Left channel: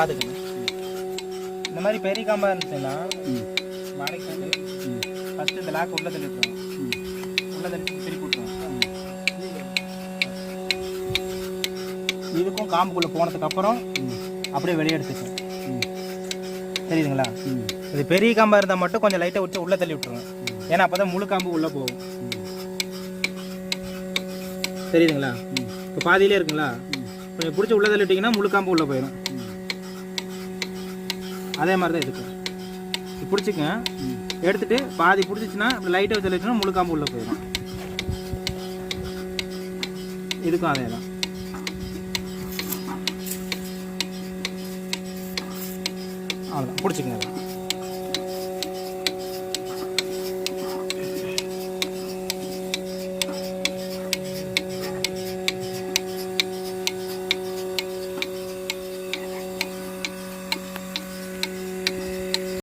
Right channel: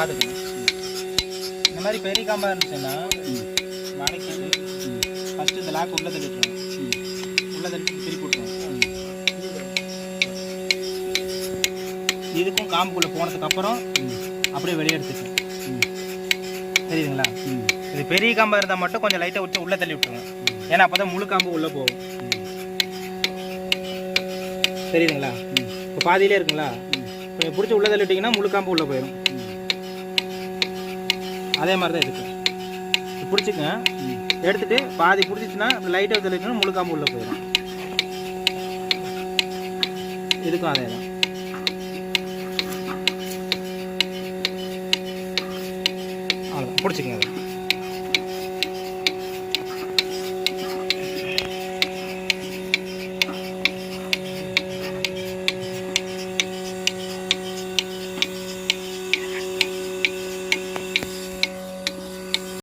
பார்த்துக்கணும். இந்த மாதிரி பெரிய காம்பாக இருந்துச்சுன்னா மடக்கி ஃபஸ்ட்டு இந்த லாக் உள்ளே தள்ளிட்டுருவோம். உள்ளே தள்ளி திருப்பி விட்டுருவோம். இதுக்கும் காம்புக்குள்ளே போனதுக்கப்புறம் அப்படியே வெளியே எடுத்துக்கணும். தெரியுதுங்களா? இது பெரிய காம்பாக இருந்தால் மட்டும் கொஞ்சம் லைட்டாக விட்டு உள்ளே தள்ளி விட்டுருவோம். ஏன்னா அப்போ தான் முழு காம்பு உள்ளே போகும். தெரியுதுங்களா? இப்போ பாதியிலே இருக்குங்களா? கொஞ்சம் பிடிச்சி உள்ளே தள்ளிட்டிங்கன்னா முழு காம்பு உள்ளே போயிடும். அதே மாதிரி தான் எடுக்கும். பிடிச்சிக்கங்க, எடுத்துகிட்டு பாதி பிடிச்சிச்சுன்னா லைட்டாக தள்ளிட்டுனா முழு காம்பு உள்ளே போயிடும். இதுக்கும் அதே தான். அவ்வளோ பிடிச்சிக்கங்க.